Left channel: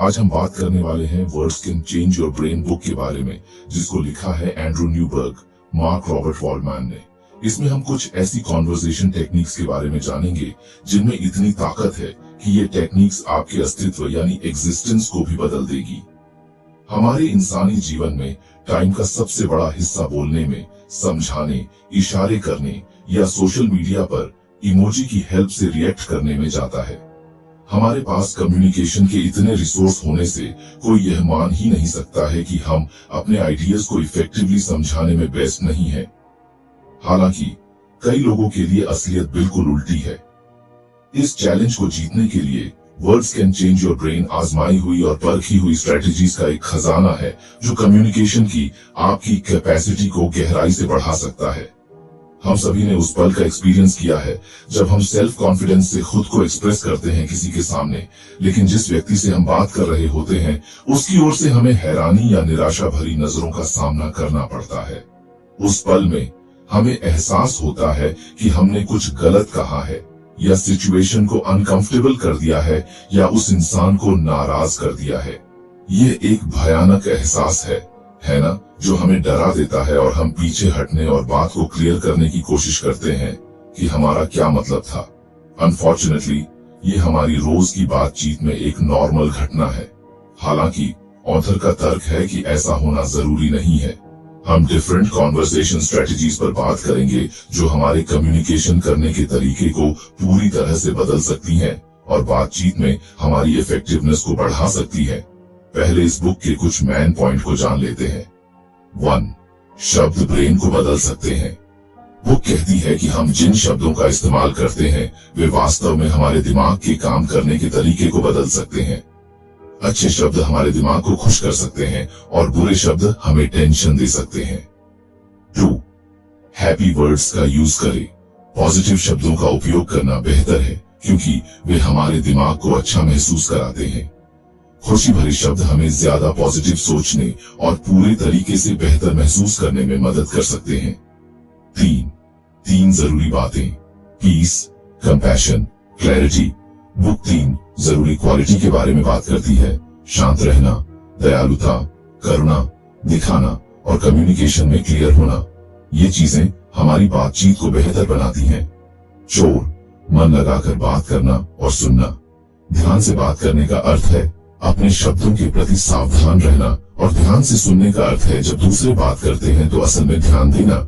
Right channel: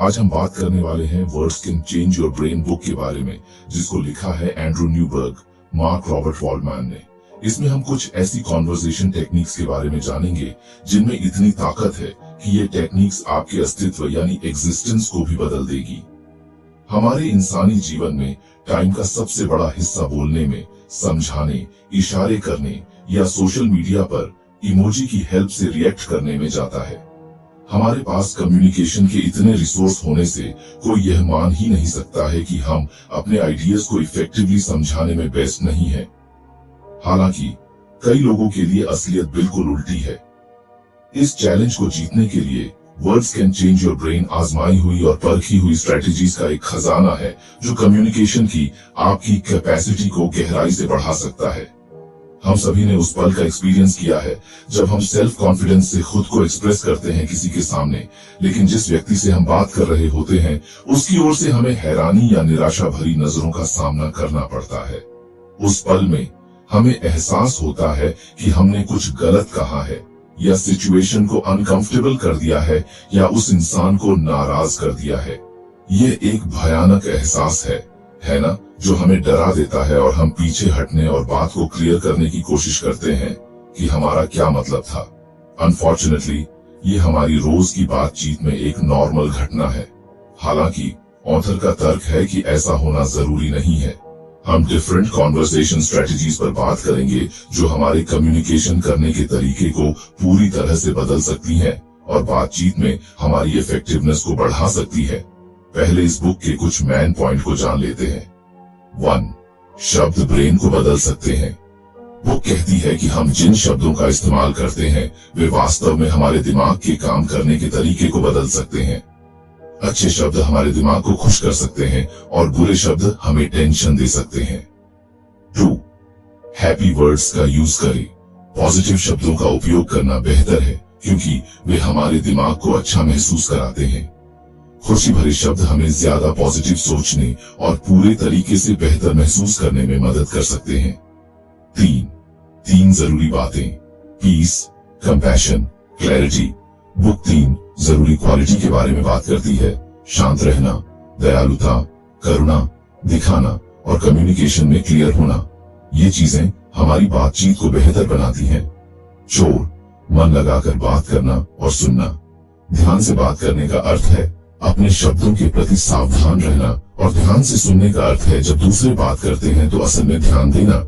आज हम बात करने वाले हैं words can change your brain book के बारे में, जिसको लिखा है एंड्रू न्यूबर्ग, मार्क रॉबर्ट वॉल्डमैन ने। इसमें हम कुछ ऐसी कॉन्वर्सेशन टेक्निक्स के बारे में जानेंगे जिनमें इतनी ताकत है कि ये टेक्निक्स आपके अस्तित्व यानी एग्जिस्टेंस को भी बदल देगी। हमारे इंसानी जीवन में टाइम का सबसे बड़ा हिस्सा बोलने में, समझाने, इशारे करने या सोशल मीडिया पर इमोजी की हेल्प से रिएक्ट करने में जाता है। हमारे पास कम्युनिकेशन के इतने रिसोर्स होने से कोई यह मान ही नहीं सकता है कि हम अपने आइडियाज को इफेक्टिवली समझाने में बेस्ट नहीं हैं। हालांकि कई लोगों के लिए असलियत बिल्कुल उल्टी है। इस चैलेंज को जीतने के लिए words can change your brain आजमाई हुई और परखी हुई स्ट्रेटेजीज का एक खजाना है जो कम्युनिकेशन की आपकी कैपेसिटी को गहराई से बढ़ा सकता है। हम सभी ने उस पल का एक्सपीरियंस किया है जब हम सेल्फ कॉन्फिडेंस से खुद को एक्सप्रेस करते हैं किसी के सामने, लेकिन जिस व्यक्ति से हम बात कर रहे होते हैं उसकी ओर से हमें हैरानी या निराशा भरी नजरों का सामना करना पड़ता है। उस पल में हमें एहसास होता है कि हमने कुछ गलत कहा है या सिचुएशन को अनकंफर्टेबल कर दिया है या उस इंसान को नाराज कर दिया है। ये एक भयानक एहसास है ना, जो हमें डरा देता है और हम पीछे हटने और बात को क्लियर करने की कोशिश करते हैं कि हमारा क्या मतलब था। अनफॉर्चुनेटली ये हमारी रोज की बातचीत में एक नॉर्मल घटना है। हालांकि ऑथर का तर्क है कि ऐसा होना जरूरी नहीं है। हम डिफरेंट कॉन्वर्सेशन स्ट्रेटजीज पर बात करेंगे जो हमारे कम्युनिकेशन करने के तरीके को पूरी तरह से बदल सकती हैं और बातचीत में हमारी इफेक्टिवनेस को बढ़ा सकती है। पहले इस बुक के कुछ मेन पॉइंट को जान लेते हैं। 1. शब्द ब्रेन को बदल सकते हैं। बुक कहती है कि हम जिन शब्दों का इस्तेमाल करते हैं वे वास्तव में हमारे दिमाग के काम करने के तरीके को बदल सकते हैं। अच्छे शब्द हमारे दिमाग को खुश कर सकते हैं और बुरे शब्द हमें टेंशन दे सकते हैं। 2. हैप्पी वर्ड्स का यूज करें। पॉजिटिव शब्दों का उपयोग करना बेहतर है क्योंकि वे हमारे दिमाग को अच्छा महसूस कराते हैं। खुशी भरे शब्द हमें ज्यादा पॉजिटिव सोचने और पूरे तरीके से बेहतर महसूस करने में मदद कर सकते हैं। 3 जरूरी बातें, पीस, कंपैशन, क्लैरिटी। बुक 3 जरूरी क्वालिटी के बारे में बात करती है। शांत रहना, दयालुता, करुणा दिखाना और कम्युनिकेशन में क्लियर होना। ये चीजें हमारी बातचीत को बेहतर बनाती हैं। 4 मन लगाकर बात करना और सुनना। ध्यान से बात करने का अर्थ है अपने शब्दों के प्रति सावधान रहना और ध्यान से सुनने का अर्थ है जब दूसरे बात करते हैं तो असल में ध्यान देना।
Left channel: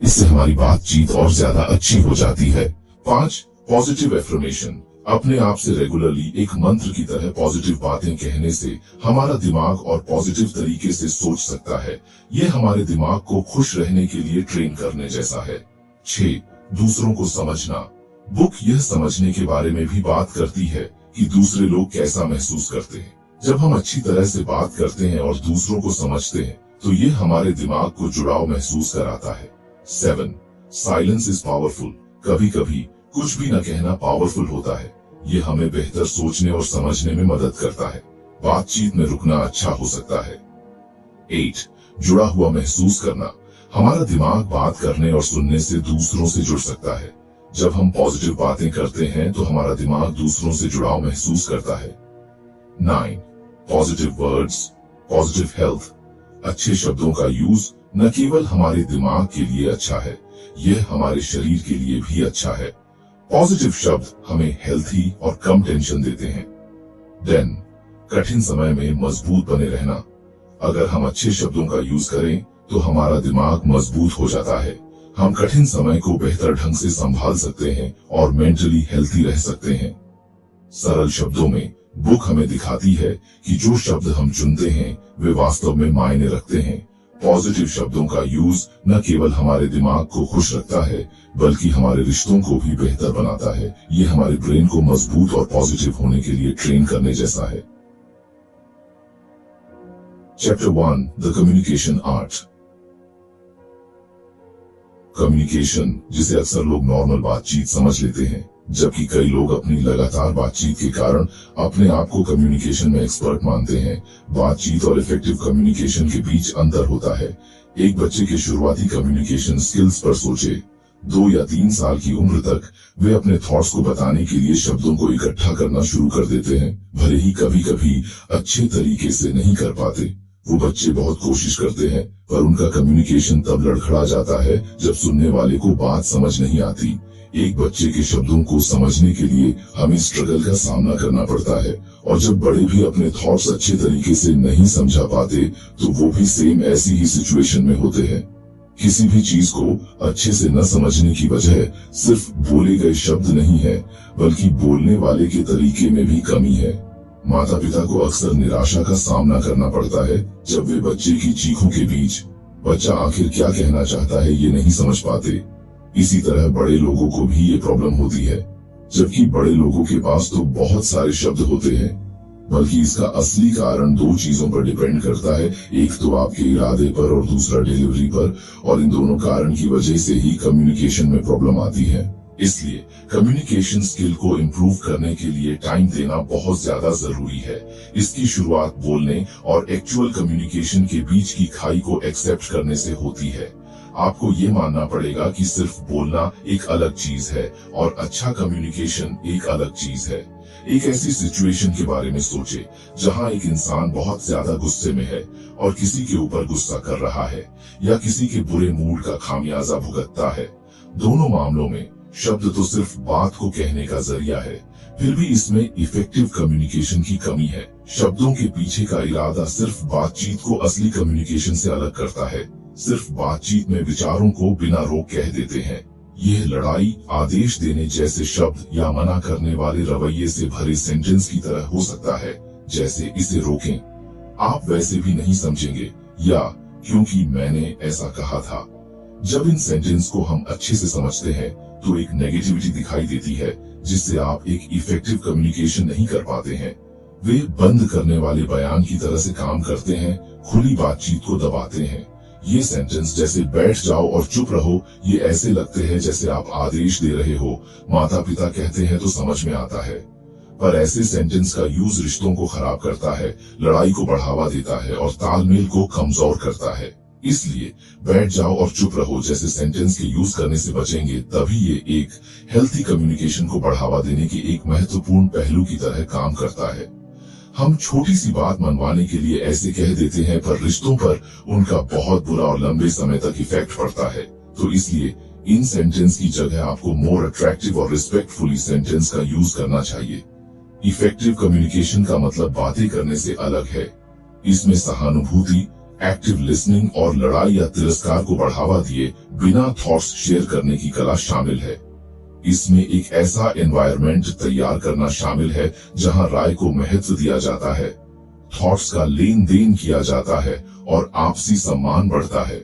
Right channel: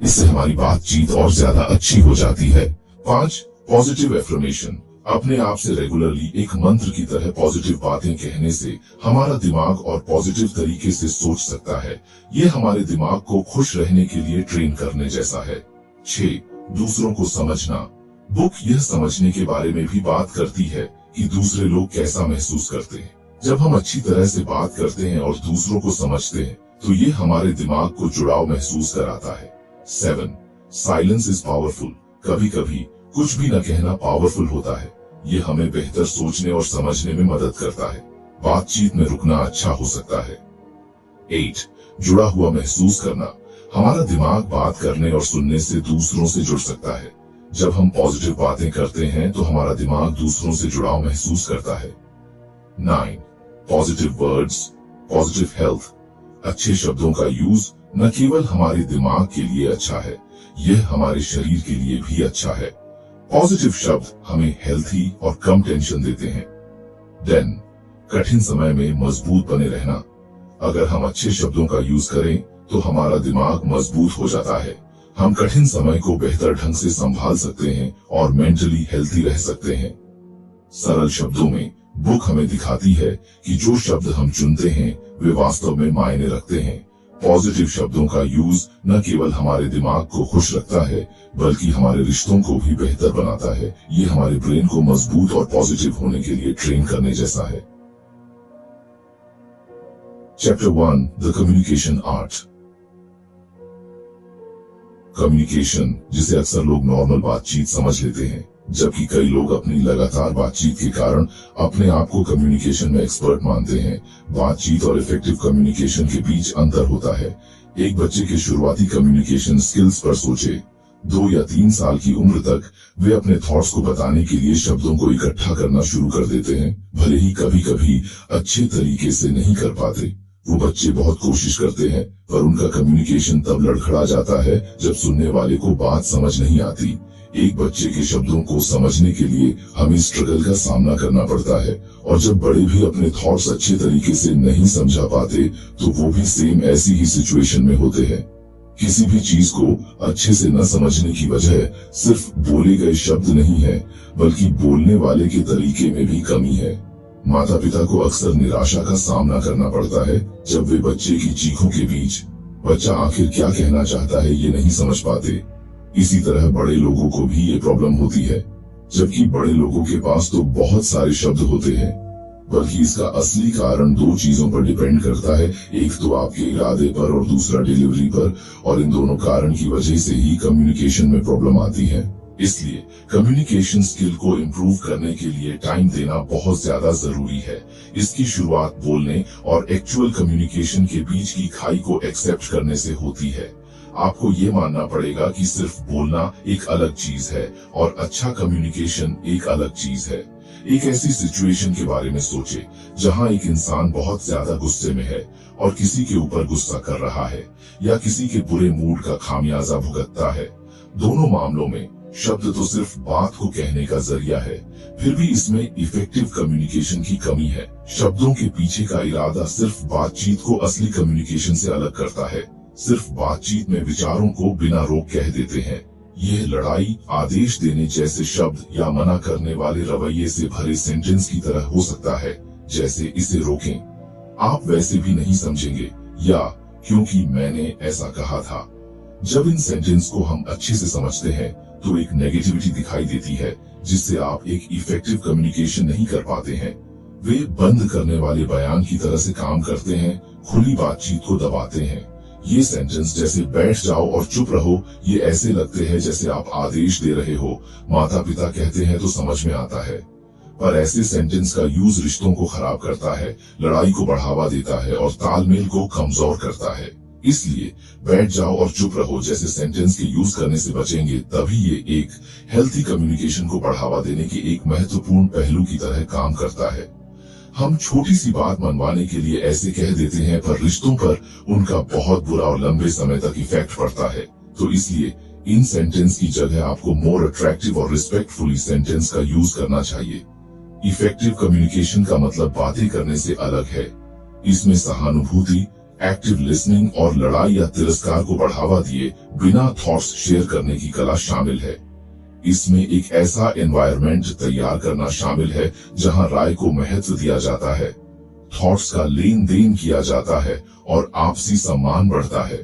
इससे हमारी बातचीत और ज्यादा अच्छी हो जाती है। 5 पॉजिटिव एफर्मेशन। अपने आप से रेगुलरली एक मंत्र की तरह पॉजिटिव बातें कहने से हमारा दिमाग और पॉजिटिव तरीके से सोच सकता है। ये हमारे दिमाग को खुश रहने के लिए ट्रेन करने जैसा है। 6 दूसरों को समझना। बुक यह समझने के बारे में भी बात करती है कि दूसरे लोग कैसा महसूस करते हैं। जब हम अच्छी तरह से बात करते हैं और दूसरों को समझते हैं तो ये हमारे दिमाग को जुड़ाव महसूस कराता है। 7 साइलेंस इज पावरफुल। कभी कभी कुछ भी न कहना पावरफुल होता है। ये हमें बेहतर सोचने और समझने में मदद करता है। बातचीत में रुकना अच्छा हो सकता है। 8 जुड़ा हुआ महसूस करना। हमारा दिमाग बात करने और सुनने से दूसरों से जुड़ सकता है। जब हम पॉजिटिव बातें करते हैं तो हमारा दिमाग दूसरों से जुड़ाव महसूस करता है। 9 पॉजिटिव वर्ड्स, पॉजिटिव हेल्थ। अच्छे शब्दों का यूज न केवल हमारे दिमाग के लिए अच्छा है, यह हमारे शरीर के लिए भी अच्छा है। पॉजिटिव शब्द हमें हेल्थी और कम टेंशन देते हैं। 10 कठिन समय में मजबूत बने रहना। अगर हम अच्छे शब्दों का यूज करें तो हमारा दिमाग मजबूत हो जाता है। हम कठिन समय को बेहतर ढंग से संभाल सकते हैं और मेंटली हेल्थी रह सकते हैं। सरल शब्दों में बुक हमें दिखाती है कि जो शब्द हम चुनते हैं वे वास्तव में मायने रखते हैं। पॉजिटिव शब्दों का यूज न केवल हमारे दिमाग को खुश रखता है बल्कि हमारे रिश्तों को भी बेहतर बनाता है। ये हमारे ब्रेन को मजबूत और पॉजिटिव होने के लिए ट्रेन करने जैसा है। Chapter 1 the communication art. Communication, जिसे अक्सर लोग नॉर्मल बातचीत समझ लेते हैं, जबकि कई लोग अपनी लगातार बातचीत के कारण अपने आप को कम्युनिकेशन में एक्सपर्ट मानते हैं। बातचीत और इफेक्टिव कम्युनिकेशन के बीच अंतर होता है। एक बच्चे के शुरुआती कम्युनिकेशन स्किल्स पर सोचे। 2 या 3 साल की उम्र तक वे अपने थॉट्स को बताने के लिए शब्दों को इकट्ठा करना शुरू कर देते हैं। भले ही कभी कभी अच्छे तरीके से नहीं कर पाते। वो बच्चे बहुत कोशिश करते हैं, पर उनका कम्युनिकेशन तब लड़खड़ा जाता है जब सुनने वाले को बात समझ नहीं आती। एक बच्चे के शब्दों को समझने के लिए हमें स्ट्रगल का सामना करना पड़ता है, और जब बड़े भी अपने थॉट्स अच्छे तरीके से नहीं समझा पाते तो वो भी सेम ऐसी ही सिचुएशन में होते हैं। किसी भी चीज को अच्छे से न समझने की वजह सिर्फ बोले गए शब्द नहीं है, बल्कि बोलने वाले के तरीके में भी कमी है। माता पिता को अक्सर निराशा का सामना करना पड़ता है जब वे बच्चे की चीखों के बीच बच्चा आखिर क्या कहना चाहता है ये नहीं समझ पाते। इसी तरह बड़े लोगों को भी ये प्रॉब्लम होती है, जबकि बड़े लोगों के पास तो बहुत सारे शब्द होते हैं। बल्कि इसका असली कारण 2 चीजों पर डिपेंड करता है, एक तो आपके इरादे पर और दूसरा डिलीवरी पर, और इन दोनों कारण की वजह से ही कम्युनिकेशन में प्रॉब्लम आती है। इसलिए कम्युनिकेशन स्किल को इम्प्रूव करने के लिए टाइम देना बहुत ज्यादा जरूरी है। इसकी शुरुआत बोलने और एक्चुअल कम्युनिकेशन के बीच की खाई को एक्सेप्ट करने से होती है। आपको ये मानना पड़ेगा कि सिर्फ बोलना एक अलग चीज है और अच्छा कम्युनिकेशन एक अलग चीज है। एक ऐसी सिचुएशन के बारे में सोचे जहां एक इंसान बहुत ज्यादा गुस्से में है और किसी के ऊपर गुस्सा कर रहा है या किसी के बुरे मूड का खामियाजा भुगतता है। दोनों मामलों में शब्द तो सिर्फ बात को कहने का जरिया है, फिर भी इसमें इफेक्टिव कम्युनिकेशन की कमी है। शब्दों के पीछे का इरादा सिर्फ बातचीत को असली कम्युनिकेशन से अलग करता है। सिर्फ बातचीत में विचारों को बिना रोक कह देते हैं। यह लड़ाई, आदेश देने जैसे शब्द या मना करने वाले रवैये से भरे सेंटेंस की तरह हो सकता है, जैसे इसे रोकें, आप वैसे भी नहीं समझेंगे, या क्योंकि मैंने ऐसा कहा था। जब इन सेंटेंस को हम अच्छे से समझते हैं तो एक नेगेटिविटी दिखाई देती है जिससे आप एक इफेक्टिव कम्युनिकेशन नहीं कर पाते हैं। वे बंद करने वाले बयान की तरह से काम करते हैं, खुली बातचीत को दबाते हैं। ये सेंटेंस जैसे बैठ जाओ और चुप रहो, ये ऐसे लगते हैं जैसे आप आदेश दे रहे हो। माता पिता कहते हैं तो समझ में आता है, पर ऐसे सेंटेंस का यूज रिश्तों को खराब करता है, लड़ाई को बढ़ावा देता है और तालमेल को कमजोर करता है। इसलिए बैठ जाओ और चुप रहो जैसे सेंटेंस के यूज करने से बचेंगे, तभी ये एक हेल्थी कम्युनिकेशन को बढ़ावा देने के एक महत्वपूर्ण पहलू की तरह काम करता है। हम छोटी सी बात मनवाने के लिए ऐसे कह देते हैं, पर रिश्तों पर उनका बहुत बुरा और लंबे समय तक इफेक्ट पड़ता है। तो इसलिए इन सेंटेंस की जगह आपको मोर अट्रैक्टिव और रिस्पेक्टफुली सेंटेंस का यूज करना चाहिए। इफेक्टिव कम्युनिकेशन का मतलब बातें करने से अलग है। इसमें सहानुभूति, एक्टिव लिसनिंग और लड़ाई या तिरस्कार को बढ़ावा दिए बिना थॉट्स शेयर करने की कला शामिल है। इसमें एक ऐसा एनवायरनमेंट तैयार करना शामिल है जहां राय को महत्व दिया जाता है, थॉट्स का लेन देन किया जाता है और आपसी सम्मान बढ़ता है।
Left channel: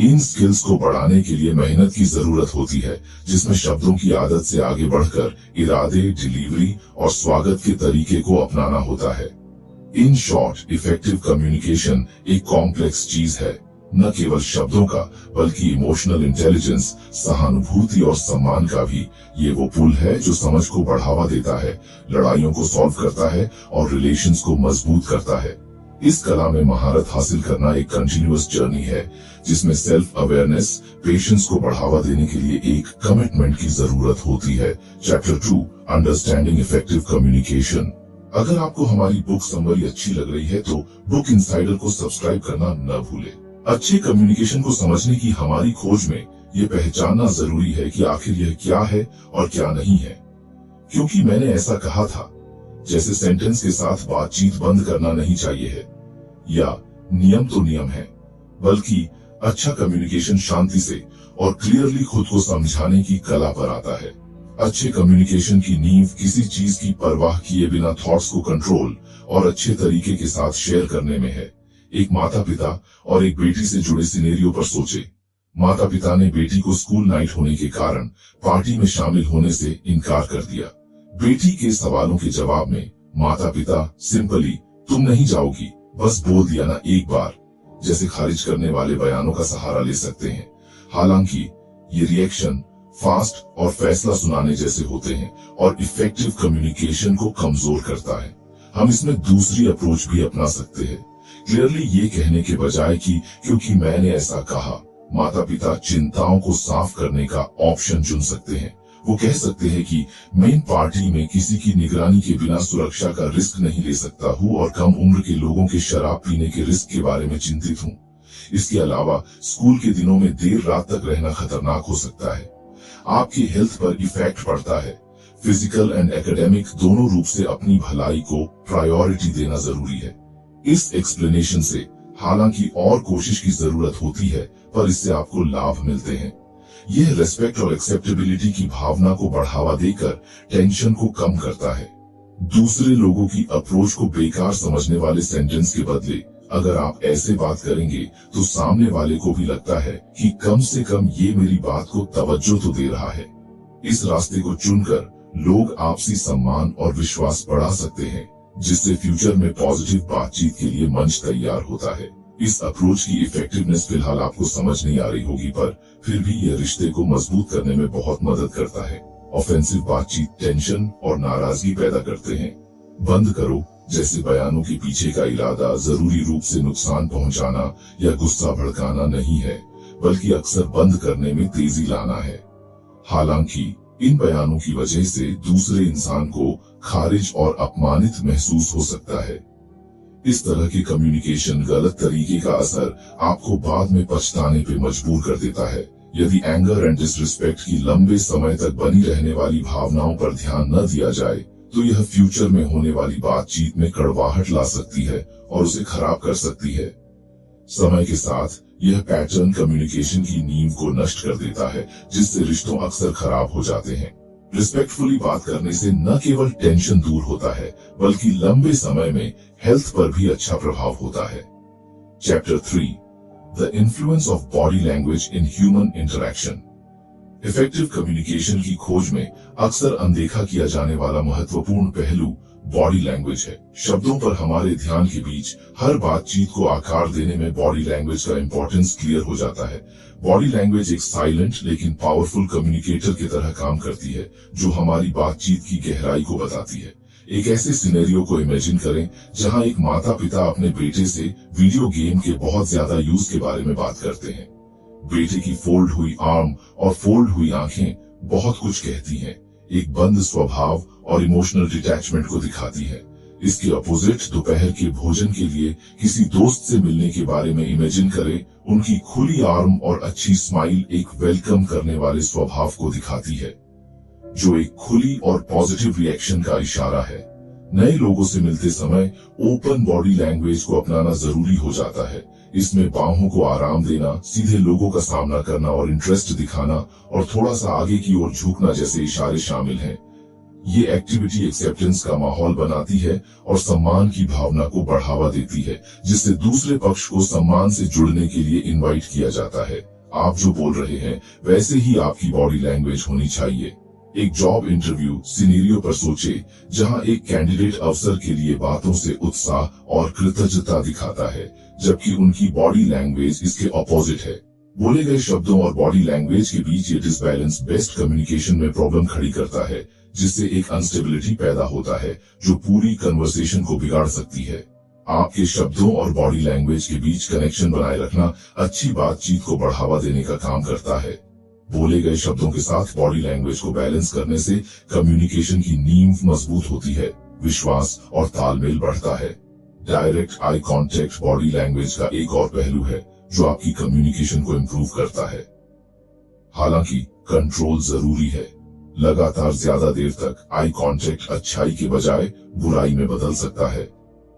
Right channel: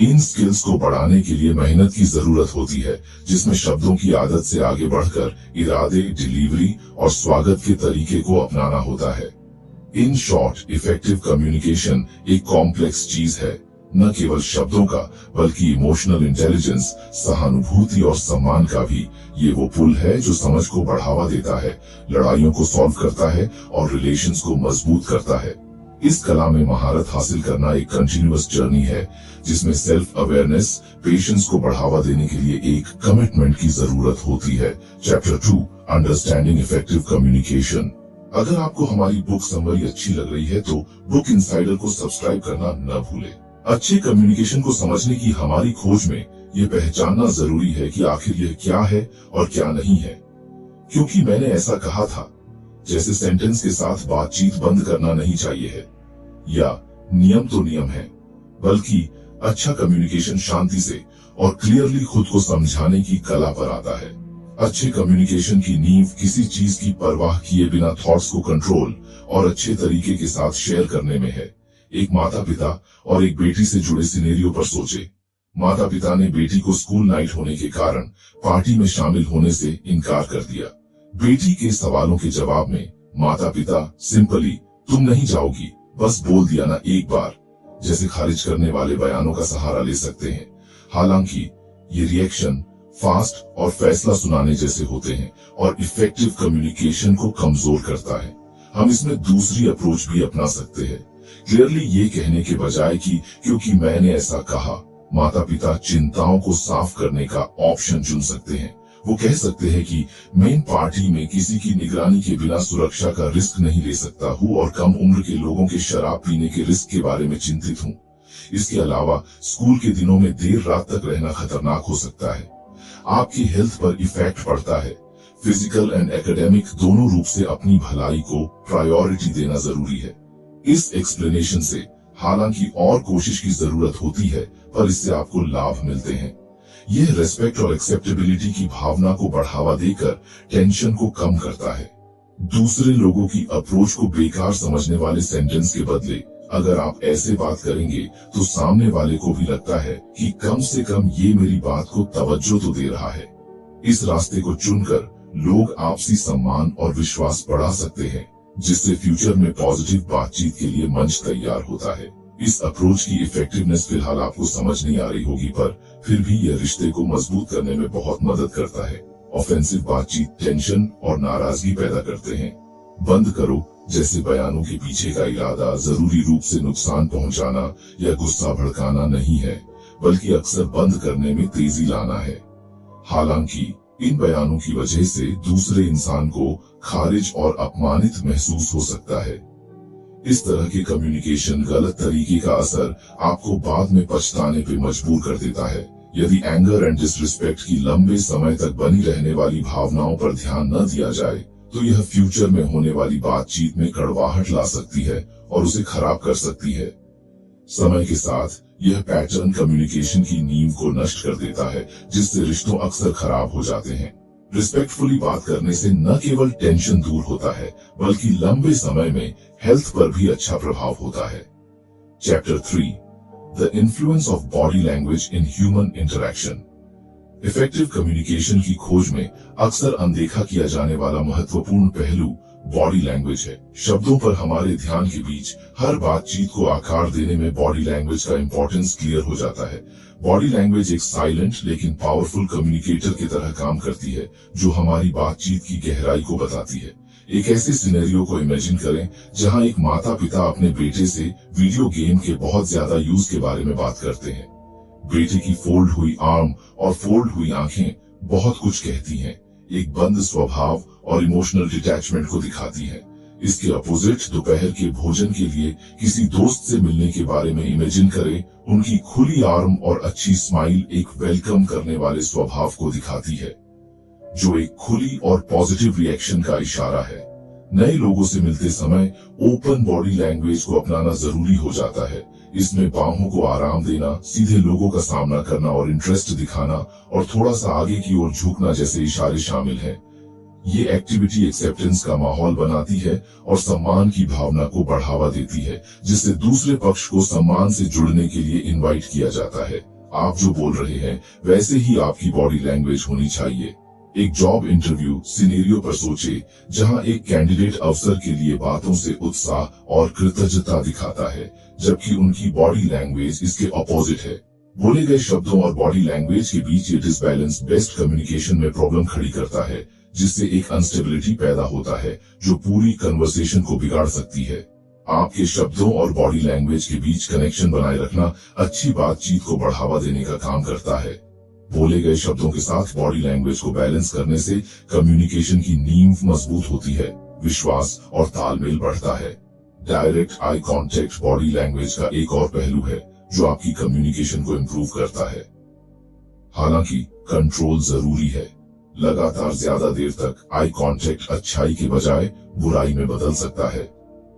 इन स्किल्स को बढ़ाने के लिए मेहनत की जरूरत होती है, जिसमें शब्दों की आदत से आगे बढ़कर इरादे, डिलीवरी और स्वागत के तरीके को अपनाना होता है। इन शॉर्ट, इफेक्टिव कम्युनिकेशन एक कॉम्प्लेक्स चीज है, न केवल शब्दों का बल्कि इमोशनल इंटेलिजेंस, सहानुभूति और सम्मान का भी। ये वो पुल है जो समझ को बढ़ावा देता है, लड़ाइयों को सॉल्व करता है और रिलेशंस को मजबूत करता है। इस कला में महारत हासिल करना एक कंटिन्यूअस जर्नी है, जिसमें सेल्फ अवेयरनेस, पेशेंस को बढ़ावा देने के लिए एक कमिटमेंट की जरूरत होती है। Chapter 2, understanding effective communication. अगर आपको हमारी बुक समरी अच्छी लग रही है तो बुक इनसाइडर को सब्सक्राइब करना न भूले। अच्छे कम्युनिकेशन को समझने की हमारी खोज में ये पहचानना जरूरी है कि आखिर यह क्या है और क्या नहीं है। क्योंकि मैंने ऐसा कहा था, जैसे सेंटेंस के साथ बातचीत बंद करना नहीं चाहिए है, या नियम तो नियम है, बल्कि अच्छा कम्युनिकेशन शांति से और क्लियरली खुद को समझाने की कला पर आता है। अच्छे कम्युनिकेशन की नींव किसी चीज की परवाह किए बिना थॉट्स को कंट्रोल और अच्छे तरीके के साथ शेयर करने में है। एक माता पिता और एक बेटी से जुड़े सिनेरियो पर सोचे। माता पिता ने बेटी को स्कूल नाइट होने के कारण पार्टी में शामिल होने से इनकार कर दिया। बेटी के सवालों के जवाब में माता पिता सिंपली तुम नहीं जाओगी बस बोल दिया ना एक बार, जैसे खारिज करने वाले बयानों का सहारा ले सकते हैं। हालांकि ये रिएक्शन फास्ट और फैसला सुनाने जैसे होते हैं और इफेक्टिव कम्युनिकेशन को कमजोर करता है। हम इसमें दूसरी अप्रोच भी अपना सकते हैं, क्लियरली ये कहने के बजाय कि क्योंकि मैंने ऐसा कहा, माता पिता चिंताओं को साफ करने का ऑप्शन चुन सकते हैं। वो कह सकते हैं कि मेन पार्टी में किसी की निगरानी के बिना सुरक्षा का रिस्क नहीं ले सकता हूँ और कम उम्र के लोगों के शराब पीने के रिस्क के बारे में चिंतित हूँ। इसके अलावा स्कूल के दिनों में देर रात तक रहना खतरनाक हो सकता है। आपकी हेल्थ पर इफेक्ट पड़ता है। फिजिकल एंड एकेडमिक दोनों रूप से अपनी भलाई को प्रायोरिटी देना जरूरी है। इस एक्सप्लेनेशन से हालांकि और कोशिश की जरूरत होती है, पर इससे आपको लाभ मिलते हैं। यह रेस्पेक्ट और एक्सेप्टेबिलिटी की भावना को बढ़ावा देकर टेंशन को कम करता है। दूसरे लोगों की अप्रोच को बेकार समझने वाले सेंटेंस के बदले अगर आप ऐसे बात करेंगे तो सामने वाले को भी लगता है कि कम से कम ये मेरी बात को तवज्जो तो दे रहा है। इस रास्ते को चुनकर लोग आपसी सम्मान और विश्वास बढ़ा सकते हैं, जिससे फ्यूचर में पॉजिटिव बातचीत के लिए मंच तैयार होता है। इस अप्रोच की इफेक्टिवनेस फिलहाल आपको समझ नहीं आ रही होगी, पर फिर भी यह रिश्ते को मजबूत करने में बहुत मदद करता है। ऑफेंसिव बातचीत टेंशन और नाराजगी पैदा करते हैं। बंद करो जैसे बयानों के पीछे का इरादा जरूरी रूप से नुकसान पहुंचाना या गुस्सा भड़काना नहीं है, बल्कि अक्सर बंद करने में तेजी लाना है। हालांकि इन बयानों की वजह से दूसरे इंसान को खारिज और अपमानित महसूस हो सकता है। इस तरह के कम्युनिकेशन गलत तरीके का असर आपको बाद में पछताने पे मजबूर कर देता है। यदि एंगर एंड डिसरिस्पेक्ट की लंबे समय तक बनी रहने वाली भावनाओं पर ध्यान न दिया जाए, तो यह फ्यूचर में होने वाली बातचीत में कड़वाहट ला सकती है और उसे खराब कर सकती है। समय के साथ यह पैटर्न कम्युनिकेशन की नींव को नष्ट कर देता है, जिससे रिश्तों अक्सर खराब हो जाते हैं। रिस्पेक्टफुली बात करने से न केवल टेंशन दूर होता है, बल्कि लंबे समय में हेल्थ पर भी अच्छा प्रभाव होता है। Chapter 3, the influence of body language in human interaction. Effective communication की खोज में अक्सर अनदेखा किया जाने वाला महत्वपूर्ण पहलू बॉडी लैंग्वेज है। शब्दों पर हमारे ध्यान के बीच हर बातचीत को आकार देने में बॉडी लैंग्वेज का इंपॉर्टेंस क्लियर हो जाता है। बॉडी लैंग्वेज एक साइलेंट लेकिन पावरफुल कम्युनिकेटर की तरह काम करती है, जो हमारी बातचीत की गहराई को बताती है। एक ऐसे सिनेरियो को इमेजिन करें जहां एक माता पिता अपने बेटे से वीडियो गेम के बहुत ज्यादा यूज के बारे में बात करते हैं। बेटे की फोल्ड हुई आर्म और फोल्ड हुई आंखें बहुत कुछ कहती हैं, एक बंद स्वभाव और इमोशनल डिटैचमेंट को दिखाती है। इसके अपोजिट दोपहर के भोजन के लिए किसी दोस्त से मिलने के बारे में इमेजिन करें। उनकी खुली आर्म और अच्छी स्माइल एक वेलकम करने वाले स्वभाव को दिखाती है, जो एक खुली और पॉजिटिव रिएक्शन का इशारा है। नए लोगों से मिलते समय ओपन बॉडी लैंग्वेज को अपनाना जरूरी हो जाता है। इसमें बाहों को आराम देना, सीधे लोगों का सामना करना और इंटरेस्ट दिखाना और थोड़ा सा आगे की ओर झुकना जैसे इशारे शामिल हैं। ये एक्टिविटी एक्सेप्टेंस का माहौल बनाती है और सम्मान की भावना को बढ़ावा देती है, जिससे दूसरे पक्ष को सम्मान से जुड़ने के लिए इनवाइट किया जाता है। आप जो बोल रहे हैं वैसे ही आपकी बॉडी लैंग्वेज होनी चाहिए। एक जॉब इंटरव्यू सिनेरियो पर सोचे, जहां एक कैंडिडेट अवसर के लिए बातों से उत्साह और कृतज्ञता दिखाता है, जबकि उनकी बॉडी लैंग्वेज इसके ऑपोजिट है। बोले गए शब्दों और बॉडी लैंग्वेज के बीच ये डिसबैलेंस बेस्ट कम्युनिकेशन में प्रॉब्लम खड़ी करता है, जिससे एक अनस्टेबिलिटी पैदा होता है जो पूरी कन्वर्सेशन को बिगाड़ सकती है। आपके शब्दों और बॉडी लैंग्वेज के बीच कनेक्शन बनाए रखना अच्छी बातचीत को बढ़ावा देने का काम करता है। बोले गए शब्दों के साथ बॉडी लैंग्वेज को बैलेंस करने से कम्युनिकेशन की नींव मजबूत होती है, विश्वास और तालमेल बढ़ता है। Direct eye contact body language का एक और पहलू है जो आपकी कम्युनिकेशन को इम्प्रूव करता है। हालांकि कंट्रोल जरूरी है। लगातार ज्यादा देर तक आई कांटेक्ट अच्छाई के बजाय बुराई में बदल सकता है।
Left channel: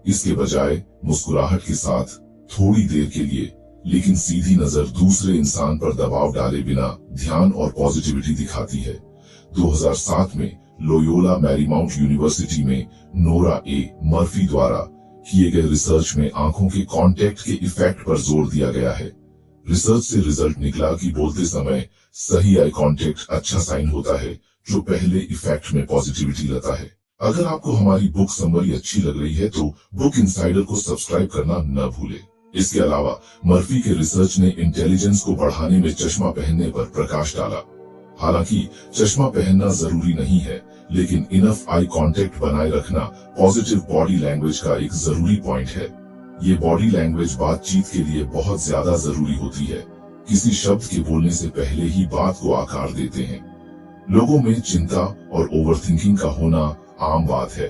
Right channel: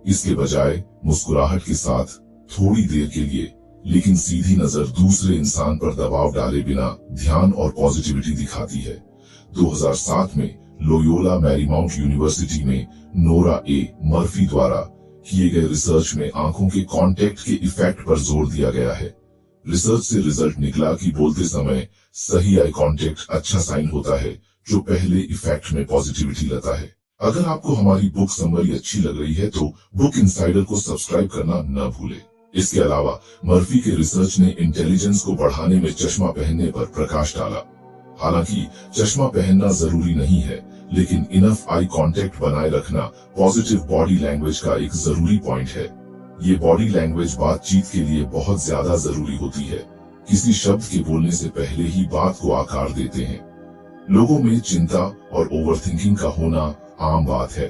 इसके बजाय मुस्कुराहट के साथ थोड़ी देर के लिए लेकिन सीधी नजर दूसरे इंसान पर दबाव डाले बिना ध्यान और पॉजिटिविटी दिखाती है। 2007 में लोयोला मैरीमाउंट यूनिवर्सिटी में नोरा ए मर्फी द्वारा किए गए रिसर्च में आंखों के कांटेक्ट के इफेक्ट पर जोर दिया गया है। रिसर्च से रिजल्ट निकला कि बोलते समय सही आई कांटेक्ट अच्छा साइन होता है, जो पहले इफेक्ट में पॉजिटिविटी लाता है। अगर आपको हमारी बुक समरी अच्छी लग रही है तो बुक इनसाइडर को सब्सक्राइब करना न भूलें। इसके अलावा मर्फी के रिसर्च ने इंटेलिजेंस को बढ़ाने में चश्मा पहनने पर प्रकाश डाला। हालांकि चश्मा पहनना जरूरी नहीं है, लेकिन इनफ आई कांटेक्ट बनाए रखना पॉजिटिव बॉडी लैंग्वेज का एक जरूरी पॉइंट है। ये बॉडी लैंग्वेज बातचीत के लिए बहुत ज्यादा जरूरी होती है। किसी शब्द के बोलने से पहले ही बात को आकार देते हैं। लोगों में चिंता और ओवरथिंकिंग का होना आम बात है,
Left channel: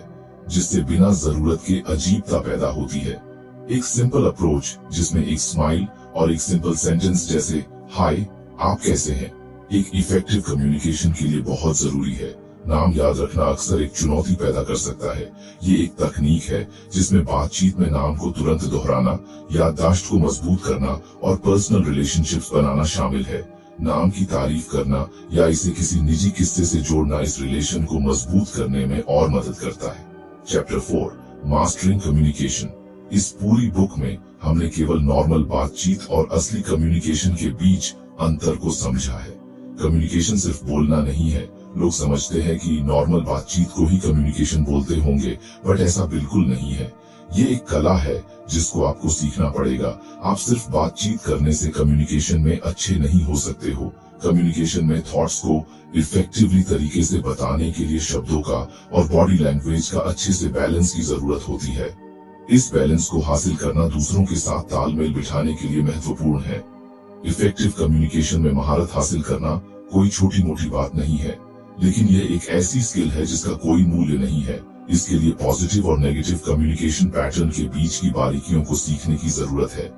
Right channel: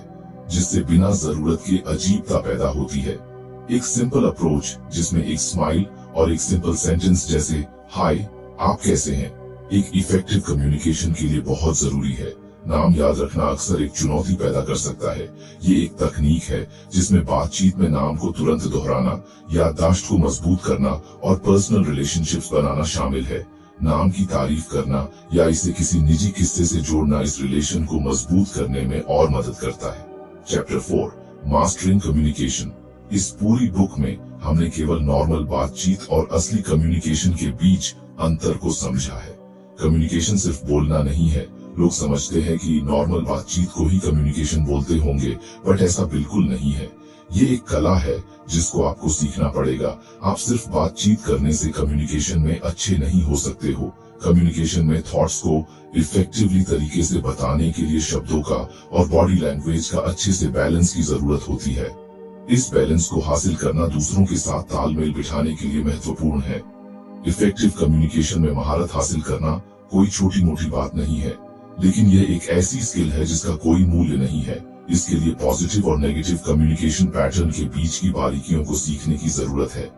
जिससे बिना जरूरत के अजीबता पैदा होती है। एक सिंपल अप्रोच जिसमें एक स्माइल और एक सिंपल सेंटेंस जैसे हाय आप कैसे हैं, एक इफेक्टिव कम्युनिकेशन के लिए बहुत जरूरी है। नाम याद रखना अक्सर एक चुनौती पैदा कर सकता है। ये एक तकनीक है जिसमें बातचीत में नाम को तुरंत दोहराना, याददाश्त को मजबूत करना और पर्सनल रिलेशनशिप्स बनाना शामिल है। नाम की तारीफ करना या इसे किसी निजी किस्से से जोड़ना इस रिलेशन को मजबूत करने में और मदद करता है। Chapter 4 mastering communication. इस पूरी बुक में हमने केवल नॉर्मल बातचीत और असली कम्युनिकेशन के बीच अंतर को समझा है। कम्युनिकेशन सिर्फ बोलना नहीं है। लोग समझते हैं कि नॉर्मल बातचीत को ही कम्युनिकेशन बोलते होंगे, बट ऐसा बिल्कुल नहीं है। ये एक कला है जिसको आपको सीखना पड़ेगा। आप सिर्फ बातचीत करने से कम्युनिकेशन में अच्छे नहीं हो सकते हो। कम्युनिकेशन में थॉट्स को इफेक्टिवली तरीके से बताने के लिए शब्दों का और बॉडी लैंग्वेज का अच्छे से बैलेंस की जरूरत होती है। इस बैलेंस को हासिल करना दूसरों के साथ तालमेल बिठाने के लिए महत्वपूर्ण है। इफेक्टिव कम्युनिकेशन में महारत हासिल करना कोई छोटी मोटी बात नहीं है, लेकिन यह एक ऐसी स्किल है जिसका कोई मूल्य नहीं है। इसके लिए पॉजिटिव और नेगेटिव कम्युनिकेशन पैटर्न के बीच की बारीकियों को सीखने की जरूरत है।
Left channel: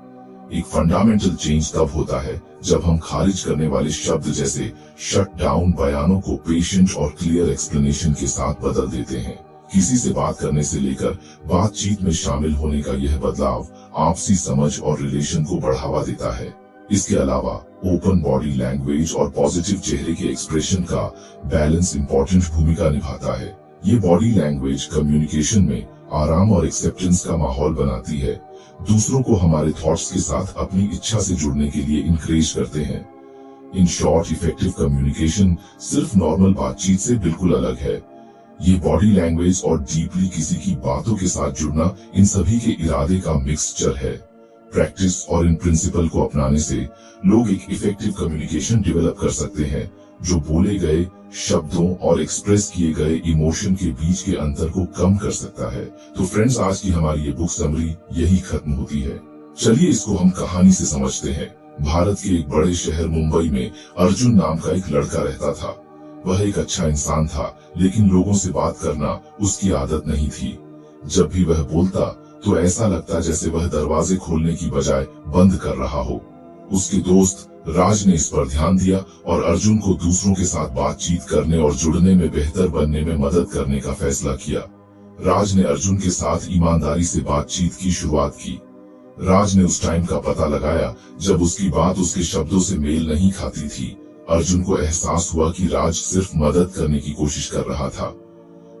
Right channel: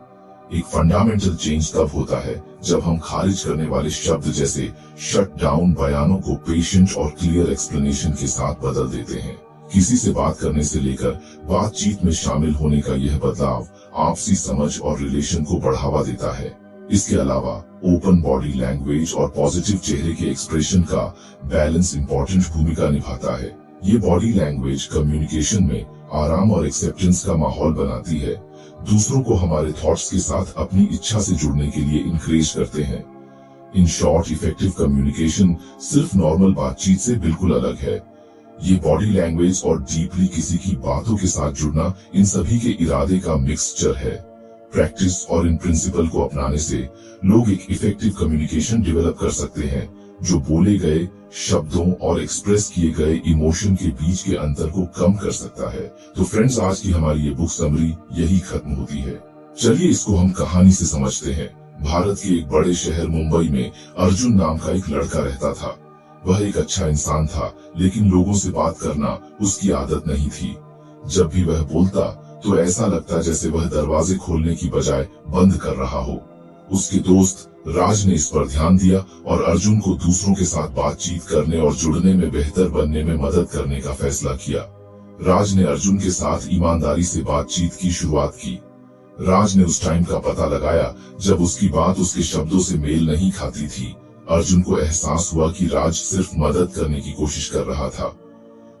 एक फंडामेंटल चेंज तब होता है जब हम खारिज करने वाले शब्द जैसे शट डाउन बयानों को पेशेंट और क्लियर एक्सप्लेनेशन के साथ बदल देते हैं। किसी से बात करने से लेकर बातचीत में शामिल होने का यह बदलाव आपसी समझ और रिलेशन को बढ़ावा देता है। इसके अलावा ओपन बॉडी लैंग्वेज और पॉजिटिव चेहरे के एक्सप्रेशन का बैलेंस इंपॉर्टेंट भूमिका निभाता है। ये बॉडी लैंग्वेज कम्युनिकेशन में आराम और एक्सेप्टेंस का माहौल बनाती है, दूसरों को हमारे थॉट्स के साथ अपनी इच्छा से जुड़ने के लिए इनकरेज करते हैं। इन शॉर्ट, इफेक्टिव कम्युनिकेशन सिर्फ नॉर्मल बातचीत से बिल्कुल अलग है। ये बॉडी लैंग्वेज और डीपली किसी की बातों के साथ जुड़ना, इन सभी के इरादे का मिक्सचर है। प्रैक्टिस और इन प्रिंसिपल को अपनाने से लोग एक इफेक्टिव कम्युनिकेशन डेवलप कर सकते हैं, जो बोले गए शब्दों और एक्सप्रेस किए गए इमोशन के बीच के अंतर को कम कर सकता है। तो फ्रेंड्स, आज की हमारी ये बुक समरी यही खत्म होती है। चलिए इसको हम कहानी से समझते हैं। भारत के एक बड़े शहर मुंबई में अर्जुन नाम का एक लड़का रहता था। वह एक अच्छा इंसान था, लेकिन लोगों से बात करना उसकी आदत नहीं थी। जब भी वह बोलता तो ऐसा लगता जैसे वह दरवाजे खोलने की बजाय बंद कर रहा हो। उसके दोस्त राज ने इस पर ध्यान दिया और अर्जुन को दूसरों के साथ बातचीत करने और जुड़ने में बेहतर बनने में मदद करने का फैसला किया। राज ने अर्जुन के साथ ईमानदारी से बातचीत की शुरुआत की। राज ने उस टाइम का पता लगाया जब उसकी बात उसके शब्दों से मेल नहीं खाती थी। अर्जुन को एहसास हुआ कि राज सिर्फ मदद करने की कोशिश कर रहा था।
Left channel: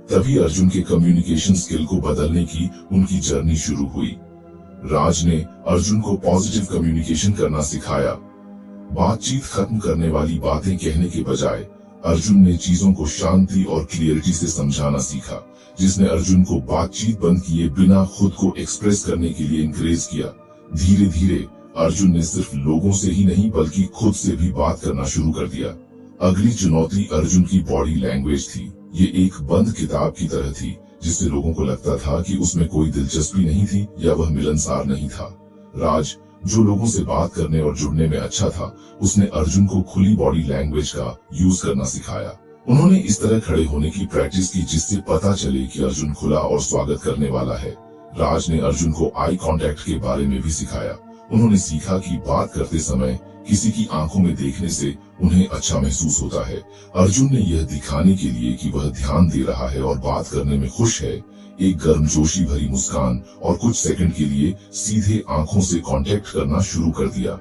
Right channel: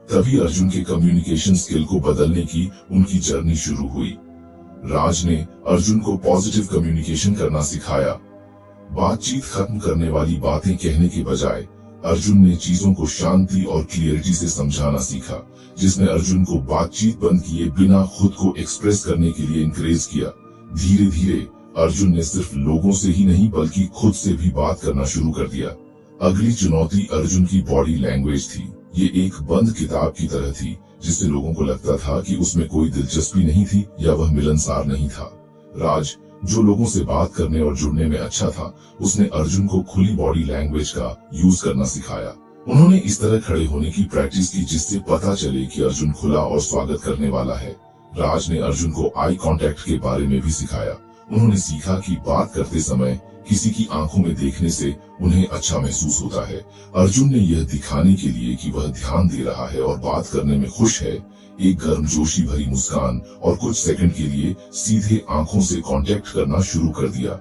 तभी अर्जुन के कम्युनिकेशन स्किल को बदलने की उनकी जर्नी शुरू हुई। राज ने अर्जुन को पॉजिटिव कम्युनिकेशन करना सिखाया। बातचीत खत्म करने वाली बातें कहने के बजाय अर्जुन ने चीजों को शांति और क्लियरिटी से समझाना सीखा, जिसने अर्जुन को बातचीत बंद किए बिना खुद को एक्सप्रेस करने के लिए इंकरेज किया। धीरे धीरे अर्जुन ने सिर्फ लोगों से ही नहीं बल्कि खुद से भी बात करना शुरू कर दिया। अगली चुनौती अर्जुन की बॉडी लैंग्वेज थी। ये एक बंद किताब की तरह थी, जिससे लोगों को लगता था कि उसमें कोई दिलचस्पी नहीं थी या वह मिलनसार नहीं था। राज, जो लोगों से बात करने और जुड़ने में अच्छा था, उसने अर्जुन को खुली बॉडी लैंग्वेज का यूज करना सिखाया। उन्होंने इस तरह खड़े होने की प्रैक्टिस की जिससे पता चले कि अर्जुन खुला और स्वागत करने वाला है। राज ने अर्जुन को आई कांटेक्ट के बारे में भी सिखाया। उन्होंने सीखा कि बात करते समय किसी की आंखों में देखने से उन्हें अच्छा महसूस होता है। अर्जुन ने यह दिखाने के लिए कि वह ध्यान दे रहा है और बात करने में खुश है, एक गर्मजोशी भरी मुस्कान और कुछ सेकंड के लिए सीधे आंखों से कांटेक्ट करना शुरू कर दिया।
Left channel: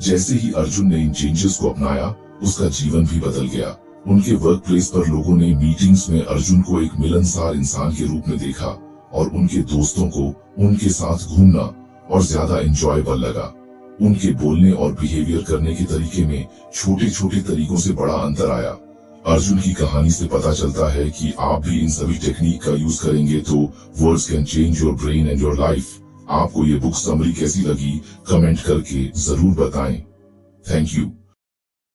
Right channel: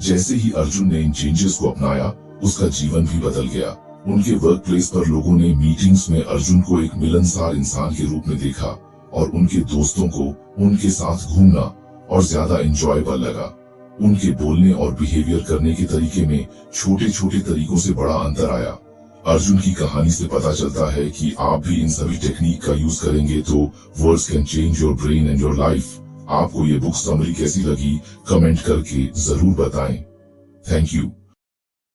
जैसे ही अर्जुन ने इन चेंजेस को अपनाया, उसका जीवन भी बदल गया। उनके वर्क प्लेस पर लोगों ने मीटिंग्स में अर्जुन को एक मिलनसार इंसान के रूप में देखा और उनके दोस्तों को उनके साथ घूमना और ज्यादा एंजॉयबल लगा। उनके बोलने और बिहेवियर करने के तरीके में छोटे छोटे तरीकों से बड़ा अंतर आया। अर्जुन की कहानी से पता चलता है कि आप भी इन सभी टेक्निक का यूज करेंगे तो words can change your brain and your life. आपको ये बुक समरी कैसी लगी कमेंट करके जरूर बताएं। Thank you.